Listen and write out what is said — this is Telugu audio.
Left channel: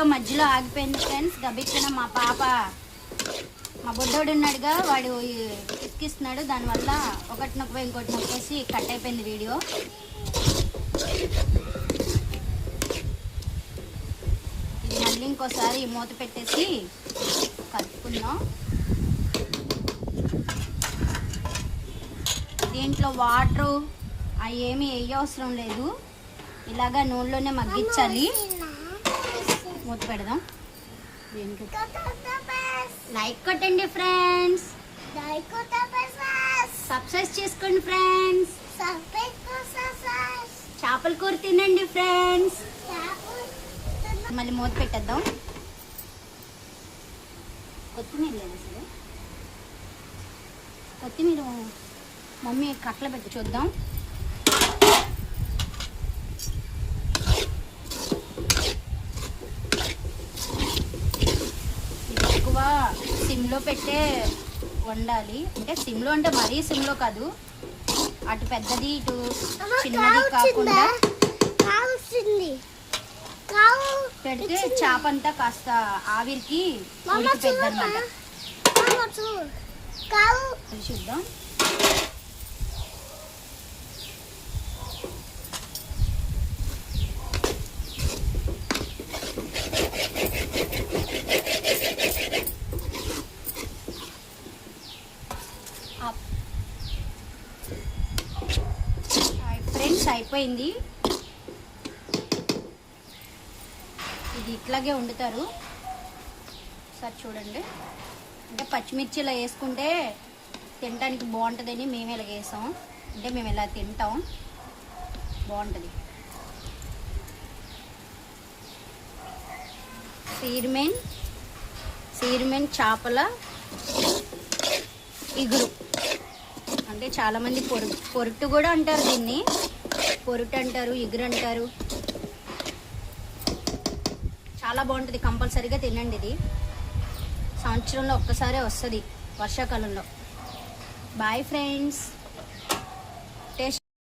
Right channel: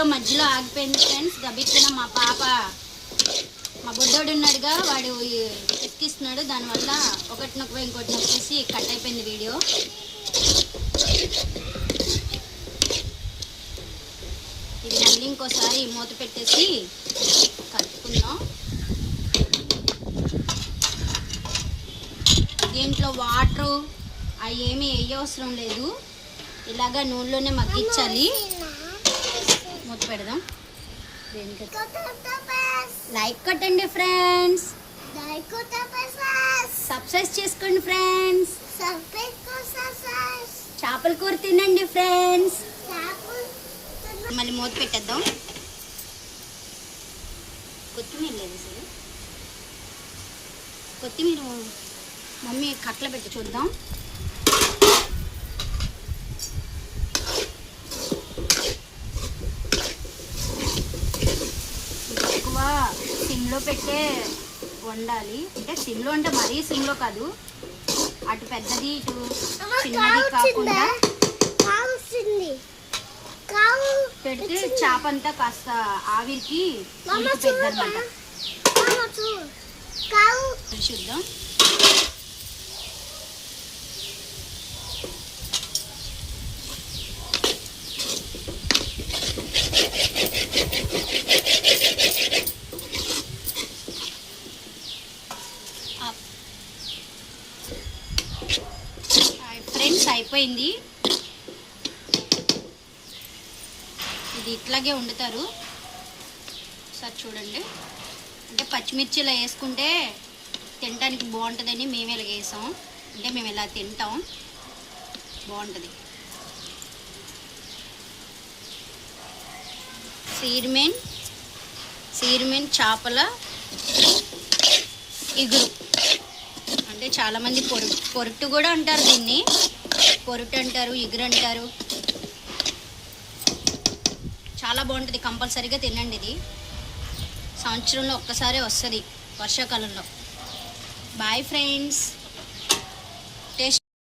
వీడియో మధ్యలో ఆగిపోయింది ఫ్రెండ్స్. గబిక్కిన మా పాప మా బుడ్డోడు ఉన్నాడుగా, వాడు ఎక్కిస్తున్నాడు, దానివల్ల ఒకటి నొక్క ఇంకోటి నొక్కేసి కట్ అయిపోయింది వీడియో. ఇది మళ్ళీ ఇంకోసారి మూత పెట్టేసి కలుపుకుందాం. దీంట్లో వాటరు అవి ఏమీ వేయవసరం లేదు, ఇలాగా నూనెలోనే మగ్గించాలి. మూత పెడదాం. లైక్ కొట్టండి ఫ్రెండ్స్, సబ్స్క్రైబ్ చేసుకోండి ఫ్రెండ్స్, చేపల కూర తినండి ఫ్రెండ్స్. మళ్ళీ మూత పెట్టేద్దాం. కొత్తిమీర లేదు అసలు, కొత్తిమీర మమ్మీ కట్టలు పెట్టి చూద్దాం. ఎక్కువ సిమ్లో పెట్టే వండాలి, అంటే సిమ్లో అంటే మరీ సిమ్లో కాదు, అటు పెద్దది ఇటు చిన్నది కాకుండా పెడితే చేప అంతా కాస్త ఆవిరికి ఉడికిపోద్ది అన్నమాట. చూద్దాం. ఫ్రెండ్స్ అయిపోయింది. ఇది ఇట్లాగే వండుతారు, సార్ చూడండి. అంటే పచ్చిమిర్చి ఇలా వేసుకుంటే తినడానికి బాగుంటుందని మేము ఇలా వేసాం, అంటే మేము ఇలా తింటాం, బాగుంటుంది. సీర్మెన్ చేపల ఇగురు, అంటే చాలామంది పొరుటు కూడా అంటారు దీన్ని, పొరుటు అంటారు, ఇగురు అంటారు. చాలా బాగుంటుంది, కంపల్సరీగా తినండి. ఇది సంవత్సరంలో ఒక్కసారే వస్తుంది, వర్షాకాలంలో. Bye friends.